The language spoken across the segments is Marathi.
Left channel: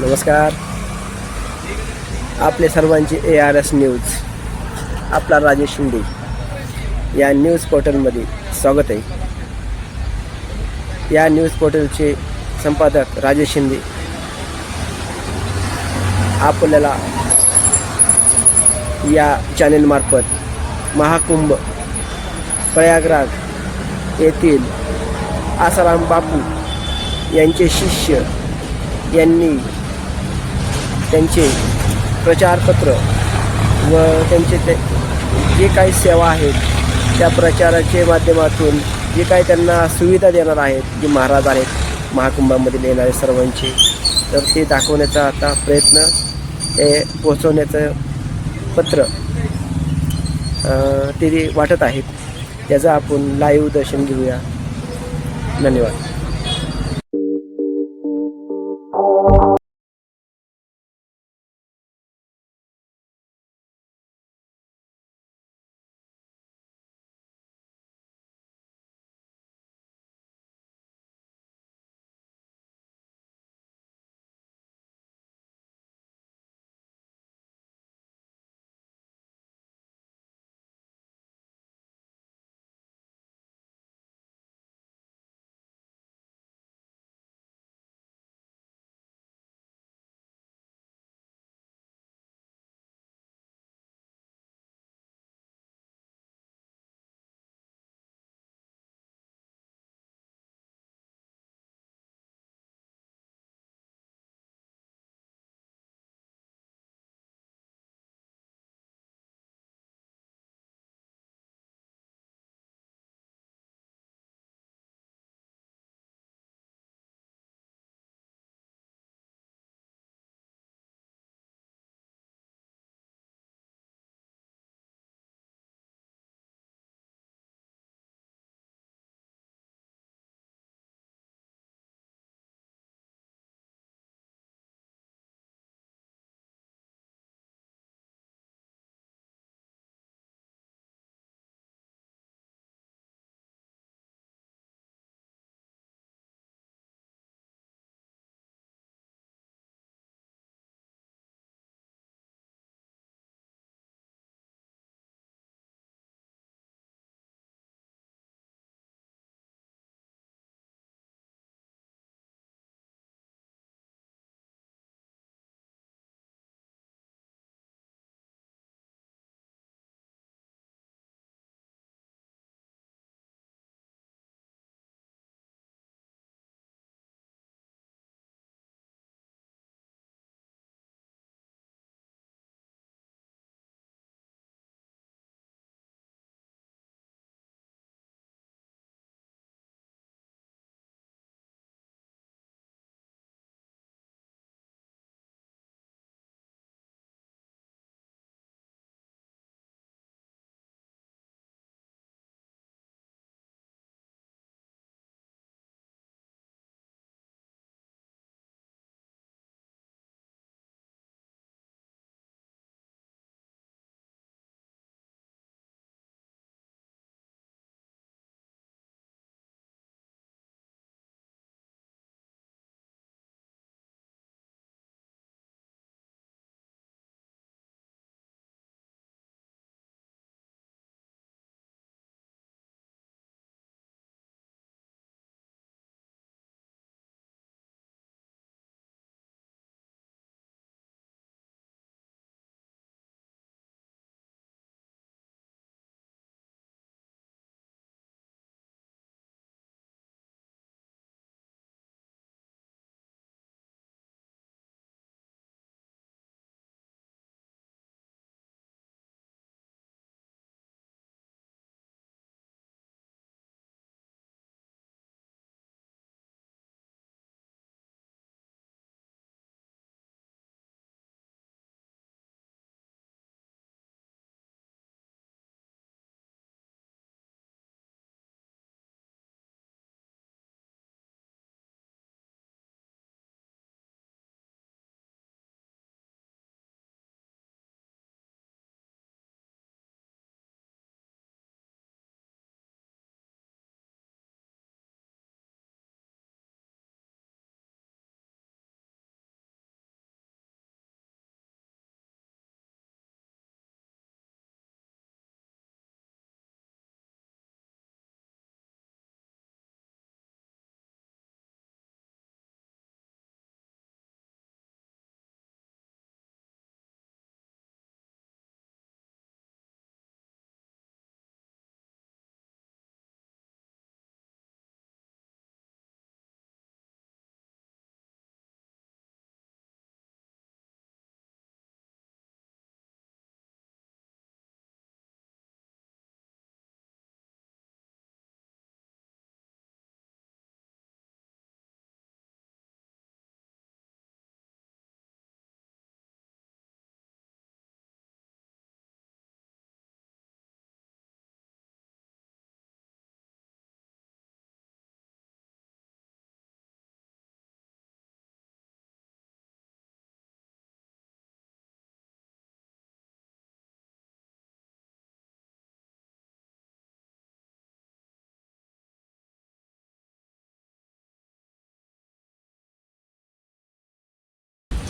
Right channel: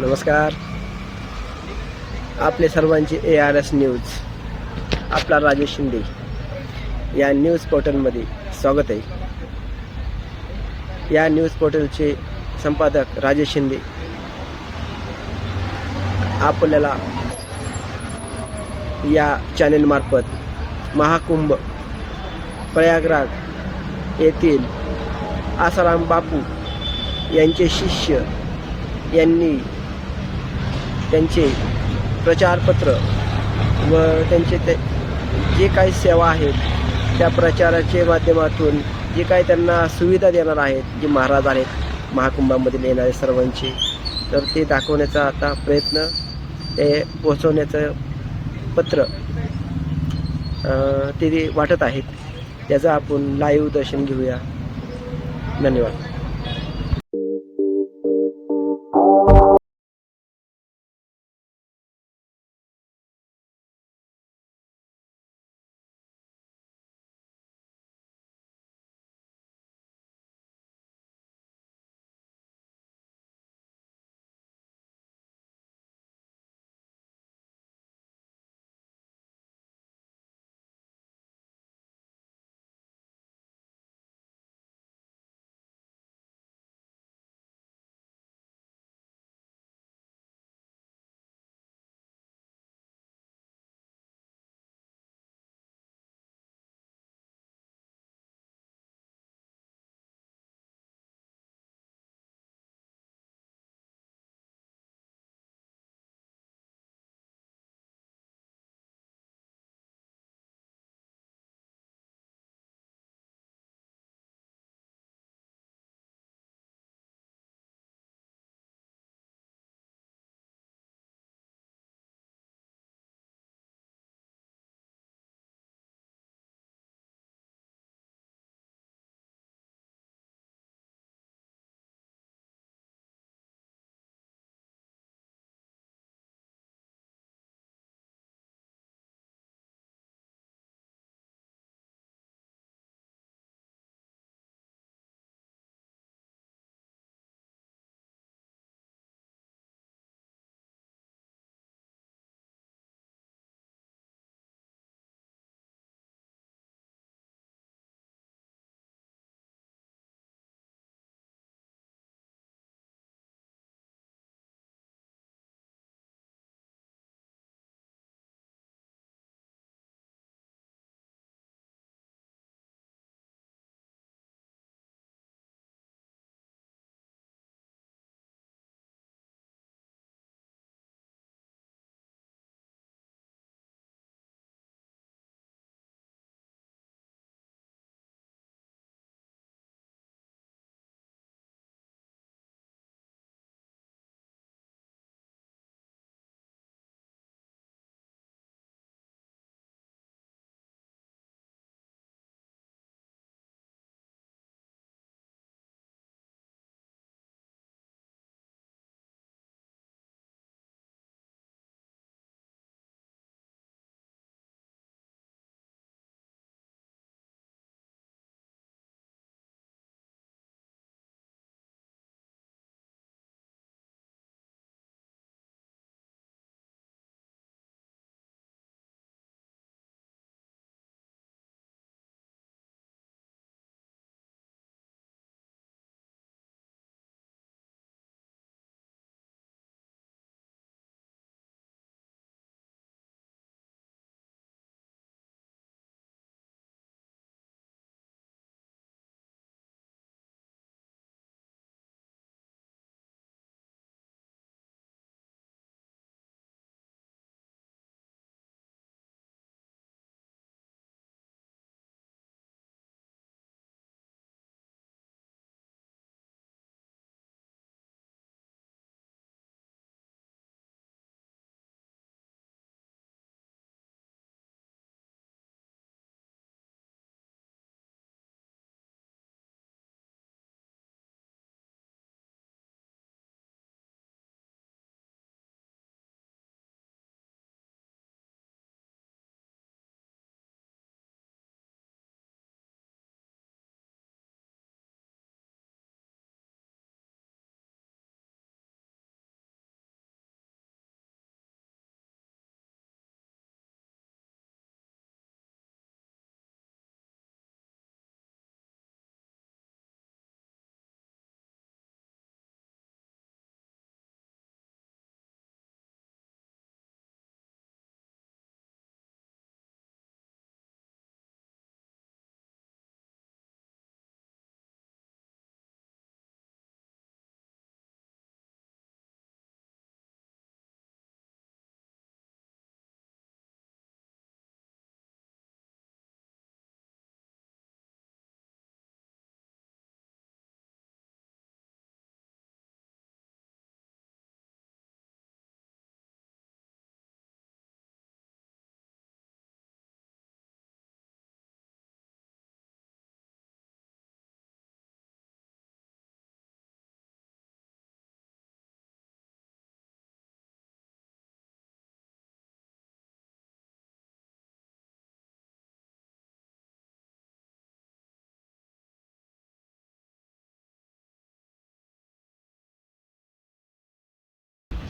नमस्कार. आपले सर्वांचे ARS न्यूज, आपला राजेश शिंदे या न्यूज पोर्टलमध्ये स्वागत आहे. या न्यूज पोर्टलचे संपादक राजेश शिंदे आपल्याला या चॅनेलमार्फत महाकुंभ प्रयागराज येथील आसाराम बापू यांचे शिष्य यांनी त्यांचे प्रचारपत्र व त्यांचे ते जे काही सेवा आहेत त्या प्रचाराच्या माध्यमातून जे काही त्यांना सुविधा देणार आहेत जे महाराज आहेत महाकुंभामध्ये येणारे सर्वांचे, तर ते दाखवण्याचा आता प्रयत्न ते पोचवण्याचं पत्र ते वाटत आहेत. त्याचं आपण लाईव्ह दर्शन घेऊया. धन्यवाद.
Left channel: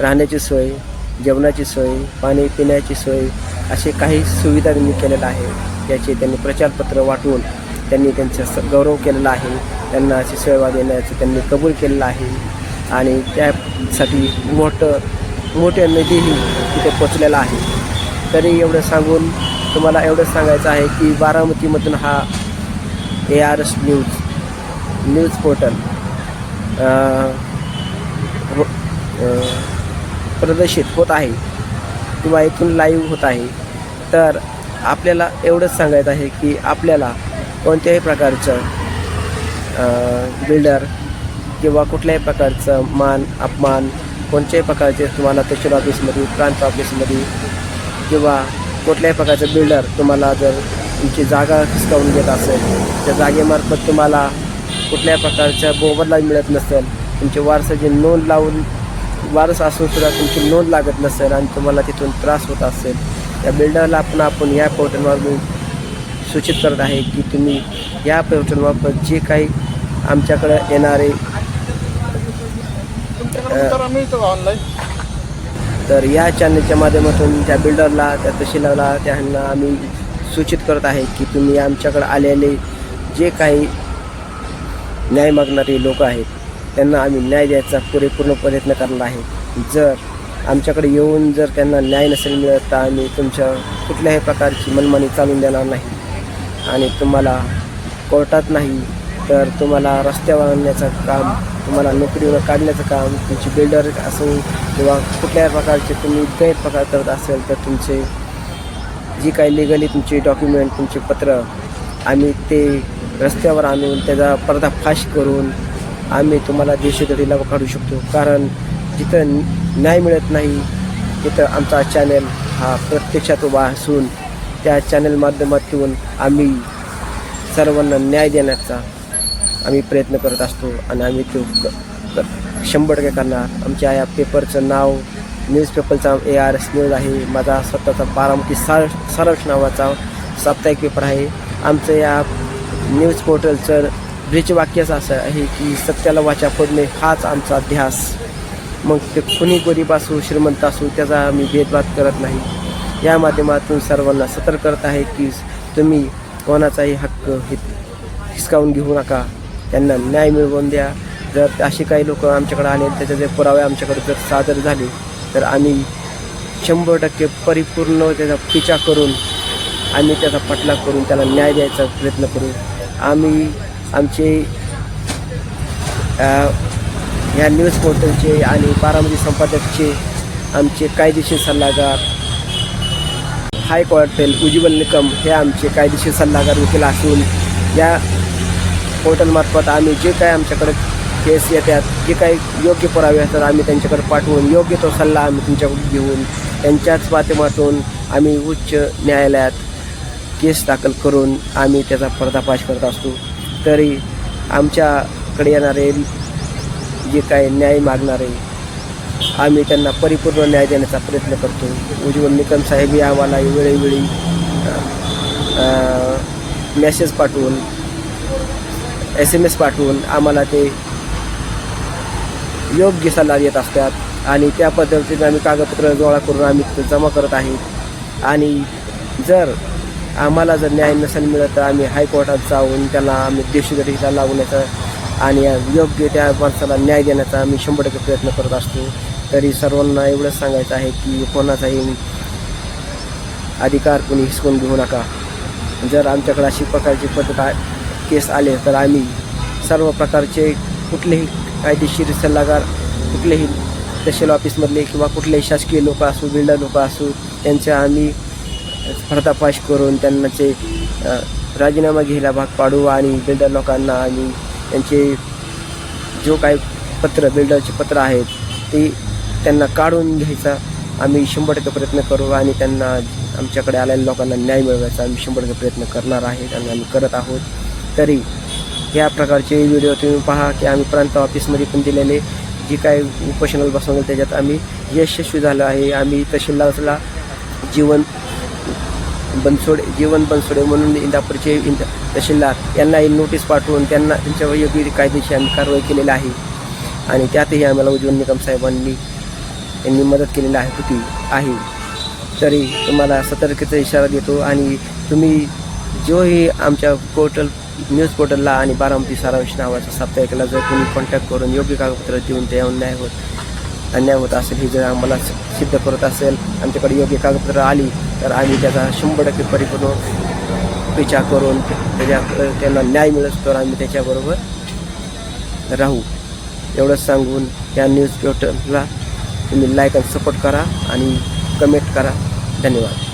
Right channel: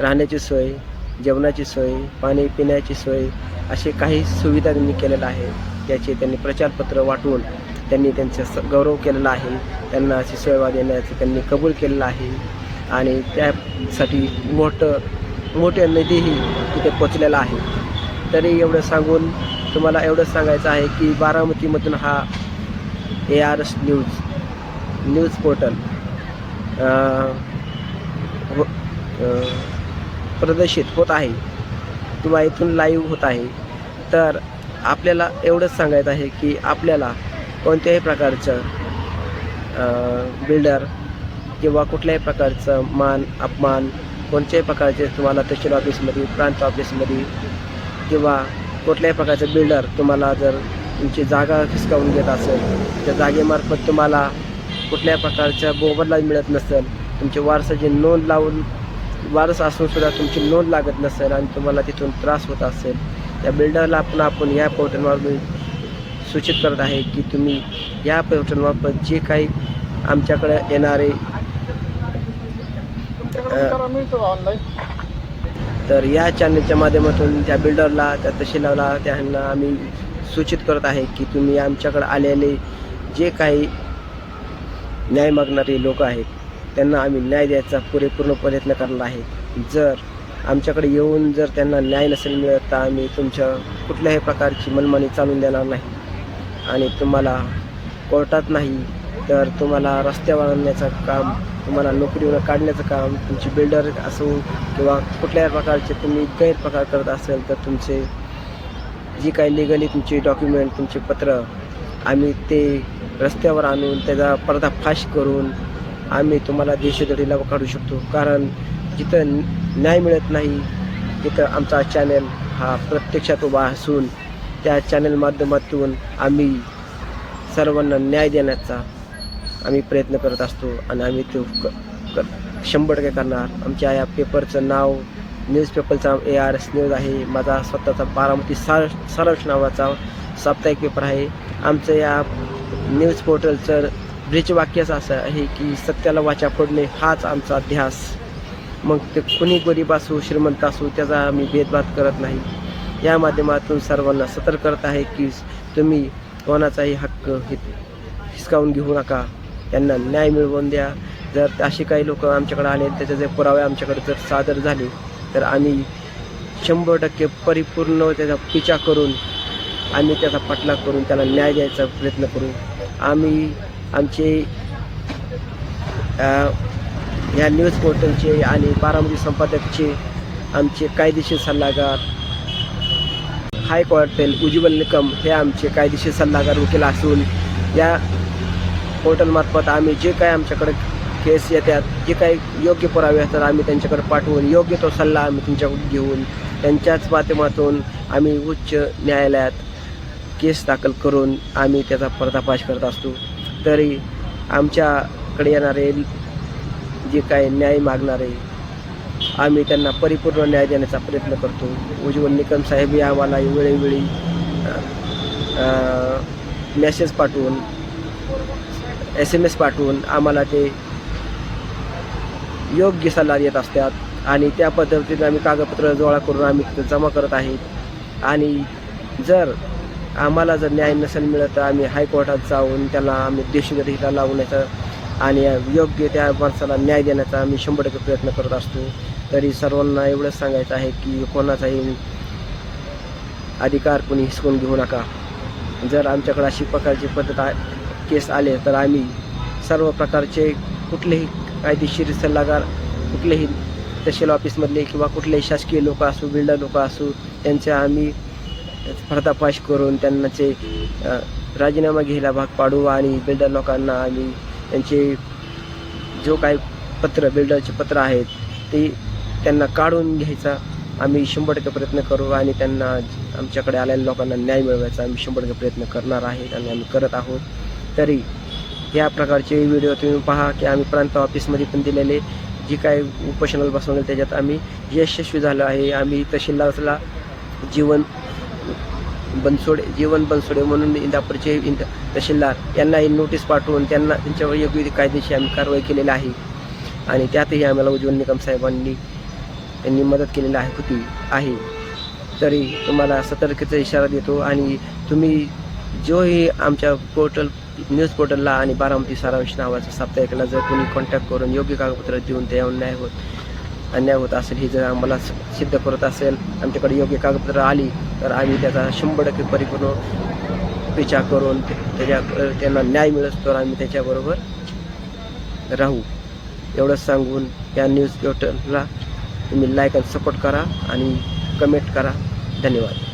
राहण्याची सोय, जेवणाची सोय, पाणी पिण्याची सोय असे काही सुविधा त्यांनी केलेल्या आहे. याचे त्यांनी प्रचारपत्र वाटून त्यांनी त्यांचा गौरव केलेला आहे. त्यांना अशी सेवा देण्याचं त्यांनी कबूल केलेलं आहे आणि त्यासाठी मोठे निधीही तिथे पोचलेला आहे. तरी एवढं सांगून तुम्हाला एवढं सांगायचं आहे की बारामतीमधून हा ARS न्यूज पोर्टल प्रदर्शित होत आहे किंवा इथून लाईव्ह होत आहे. तर आपल्याला एवढंच सांगायचं आहे की आपल्याला कोणत्याही प्रकारचं बिल्डर किंवा कुठल्याही प्रकारचं मान अपमान कोणत्याही प्रकारचे तुम्हाला तहसील ऑफिसमध्ये, प्रांत ऑफिसमध्ये किंवा कुठल्याही प्रकारचं बिल्डर तुम्हाला जर तुमची जागा हिसकावून घेत असेल, त्या जागेमार्फत तुम्हाला कुठल्याही प्रकारच्या मोबदला मिळत नसेल, तुमची वारसाची नोंद लावून वारस असूनसुद्धा तुमची नोंद लागत नसेल आणि तुम्हाला तिथून त्रास होत असेल, त्या बिल्डरला आपण या पोर्टलवर सूचित करत आहे की तुम्ही या पोर्टलमार्फत जे काही आमच्याकडे येणारे तर या चॅनलच्या माध्यमातून त्या बिल्डरला, त्या तहसीलला, त्यांना आम्ही सूचित करत आहे की तुम्ही आमच्याकडे आलेले जे काही न्याय मागणारे लोक आहेत त्यांना आम्ही न्याय द्यायचा पूर्ण प्रयत्न करणार आहे. जर आमच्याकडे येऊन जर त्यांना न्याय नसेल मिळत तर आम्ही तुमच्या कुठल्याही प्रकारची मनमानी चालून देणार नाही आणि तुम्हाला कोर्टात नाही तर तुम्हाला रस्त्यावर आणण्याचं काम, तुम्हाला नोकरीवर काढण्याचं काम, तुमची बिल्डर असो किंवा कुठल्याही प्रकारचे तुम्ही गैरप्रकार करत असेल तर तुमचे जी काही लिगली तुमचे डॉक्युमेंट, तुमचे पत्र आम्ही ते रस्त्यावर आणून त्याचा पर्दाफाश करून आम्ही तुम्हाला देशोधडीला काढू शकतो. कारण जिथं न्याय मिळत नाही तिथं आमचा चॅनल हा प्रत्यक्षात उभा असून त्या चॅनल माध्यमातून आम्ही सर्वांना न्याय देण्याचा आम्ही प्रयत्न करत असतो आणि आम्ही तो 100% करणार. आमच्या या पेपरचं नाव न्यूजपेपरचा ARS न्यूज आहे. माझा स्वतःचा बारामती सारांश नावाचा साप्ताहिक पेपर आहे. आमचं या न्यूज पोर्टलचं ब्रीजवाक्यच असं आहे की सत्याला वाचा फोडणे हाच आमचा ध्यास. मग ते कुणी गरीब असो श्रीमंत असो त्याचा आम्ही भेदभाव करत नाही. या माध्यमातून सर्वांना सतर्क करत आहे की तुम्ही कोणाचाही हक्क हिसकावून घेऊ नका, त्यांना न्याय मिळवून द्या. जर असे काही लोक आमच्याकडे आले त्याचे जे पुरावे आमच्याकडे जर सादर झाले तर आम्ही 100% परिपूर्ण त्याचा पिछा करून आम्ही त्याचा पाठलाग करून त्याला न्याय द्यायचा प्रयत्न करू. आम्ही आमचे या न्यूज पोर्टलचे आणि बारामती संपादकचे आमचे कायदेशीर सल्लागार हायकोर्टेल उज्ज्वल निकम हे आमचे कायदेशीर सल्लागार वकील असून या पोर्टलमार्फत आम्ही जे काही आमच्याकडे केस येतात, जे काही योग्य पुरावे येतात आम्ही त्यांच्याकडे पाठवून योग्य तो सल्ला आम्ही तुमच्याकडून घेऊन त्यांच्याच माध्यमातून आम्ही उच्च न्यायालयात केस दाखल करून आम्ही त्याचा पर्दाफाश करत असतो. तरी आमच्याकडे येणारे जे काही न्याय मागणारे आम्ही त्यांना परिपूर्ण न्याय देण्याचा प्रयत्न करतो. उज्ज्वल निकम साहेबही आम्हाला वेळोवेळी मेसेज पाठवून SMS पाठवून आम्हाला ते योग्य सल्ला देत असतात आणि त्या पद्धतीने आम्ही कागदपत्र गोळा करून आम्ही ते जमा करत आहे. आणि जर आम्हाला जर न्याय नसेल मिळत तर आम्ही हायकोर्टात जाऊन त्यांना आम्ही देशोधडीला लावण्याचा आणि योग्य त्या माणसाला न्याय देण्याचा आम्ही 100% प्रयत्न करत असतो. तरी सर्वांना एवढंच सांगायचं आहे की कोणाचाही अधिकार कोणी हिसकून घेऊ नका. जर आमच्याकडे अशी प्रकारची केस आले तर आम्ही सर्व प्रकारचे कुठलेही कायदेशीर सल्लागार, कुठलेही तहसील ऑफिसमधले किंवा कुठलेही शासकीय लोक असो, बिल्डर लोक असो त्यांचे आम्ही पर्दाफाश करून त्यांचे राजीनामा घ्यायला भाग पाडू आणि बिल्डर लोकांना आम्ही त्यांचे जो काही बिल्डरचे पत्र आहेत ते त्यांना काढून घ्यायचा आम्ही 100% प्रयत्न करू आणि त्यांना आमच्याकडे आलेल्या लोकांना न्याय मिळवायचा आम्ही 100% प्रयत्न करणार आहे आणि आम्ही करत आहोत. तरी या प्रकारचे व्हिडिओ तुम्ही पहा की आम्ही प्रांत ऑफिसमध्ये पण दिलेले जे काही उपोषणाला बसवले त्याच्यात आम्ही यशस्वी झालो आहे. आम्ही तहसीलदारला जीवन बनसोडे म्हणून इंदापूरचे तहसीलदार यांनाही नोटीस पाठवून त्यांना त्यांच्यावर योग्य कायदेशीर आम्ही कारवाई केलेली आहे आणि त्यातही आम्हाला उज्ज्वल निकम साहेबांनी यांनी मदत केलेली आहे. तरी तुम्हाला सतर्कतेचा इशारा देतो आणि तुम्ही जोही आमच्या न्यूज पोर्टलला आणि बारामती सारांश नावाच्या साप्ताहिकाला जर कोणी कॉन्टॅक्ट करून योग्य कागदपत्र देऊन ते अन्याय होत असेल, हे जर आम्हाला सिद्ध करत असेल, आमच्याकडे योग्य कागदपत्र आली तर आम्ही त्याचा 100% परिपूर्ण विचार करून त्यांना न्याय मिळत तर आम्ही त्याच्याबरोबर राहू. एवढंच सांगून या न्यूज पोर्टलला तुम्ही लाईक आणि सपोर्ट करा आणि कमेंट करा. धन्यवाद.